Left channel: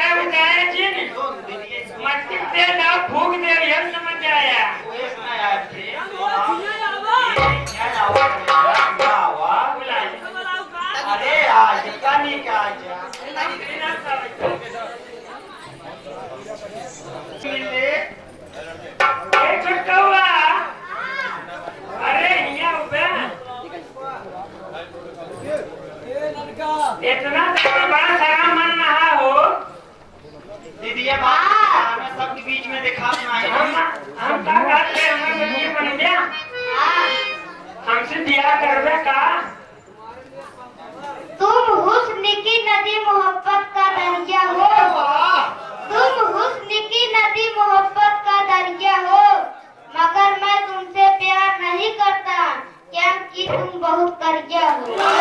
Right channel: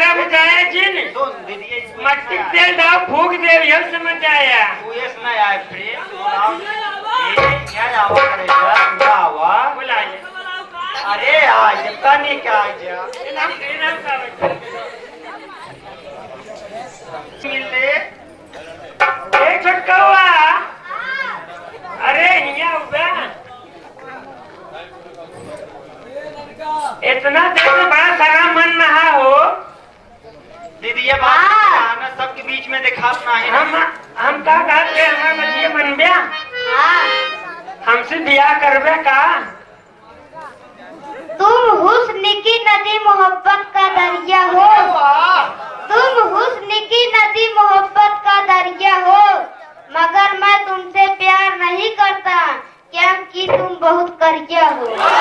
बारह बजाया जी ने मट्टी दे दाव फूक दे यह समझ आया अरे आज का नहीं क्या छटका हुआ अरे इतना देर बड़ा सारा मन नहा हो दीदी ये बात सबके बीच में दिखा हम का कहते हमारे बच्चे बन गया हमसे बियाह करबे का तुम हुस्न की नदी मोहब्बत का दरिया हो तुम हुस्न की नदी मोहब्बत का दरिया हो मगर मैं तुमसे प्यार नहीं करता क्या कि तुम बहुत करिया हो